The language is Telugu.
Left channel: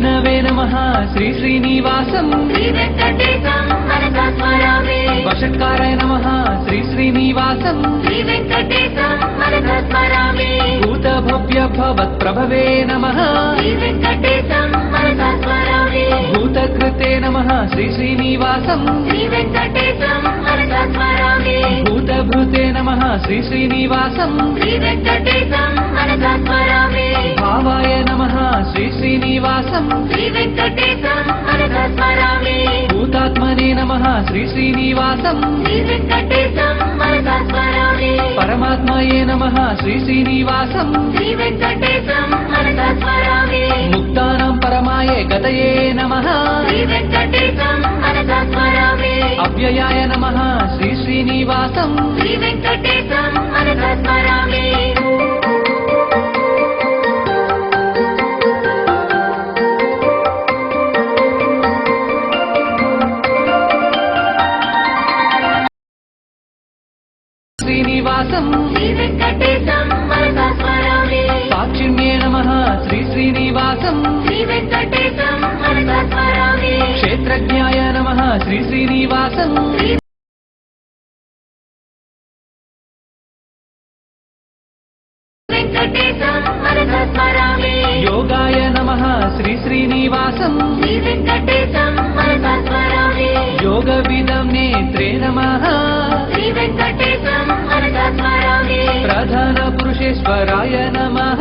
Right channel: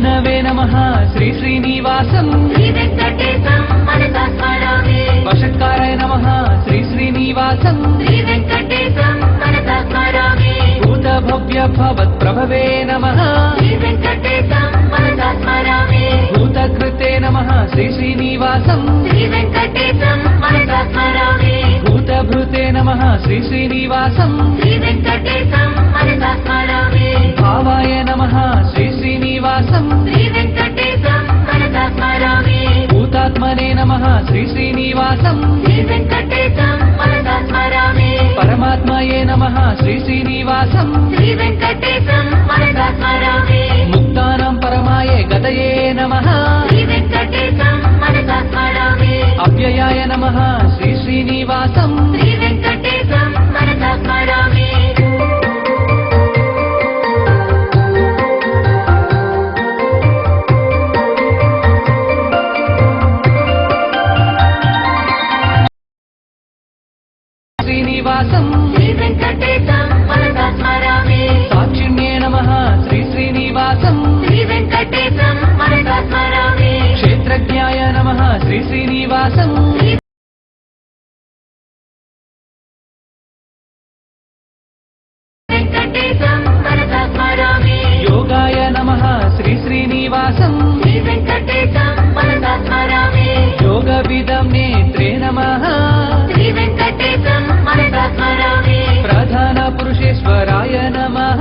విష్ణవే నమః శ్రీ శ్రీనివాసం వషట్కారాయ నమః శ్రీ శ్రీనివాసం భూతభవ్య భవత్ప్రభవే నమః భూతకృతే నమః శ్రీ శ్రీనివాసం భూతభృతే నమః శ్రీ శ్రీనివాసం భావాయ నమః శ్రీ శ్రీనివాసం భూతాత్మనే నమః శ్రీ శ్రీనివాసం పరమాత్మయే నమః శ్రీ శ్రీనివాసం ముక్తానాం పరమాయే గతయే నమః అవ్యయాయ నమః శ్రీ శ్రీనివాసం శ్రీనివాసం సాక్షిణ్యే నమః శ్రీ శ్రీనివాసం క్షేత్రజ్ఞాయ నమః శ్రీ శ్రీనివాసం యోగాయ నమః శ్రీ శ్రీనివాసం యోగవిదం నేత్రే నమః ప్రధాన పురుషేశ్వరాయ నమః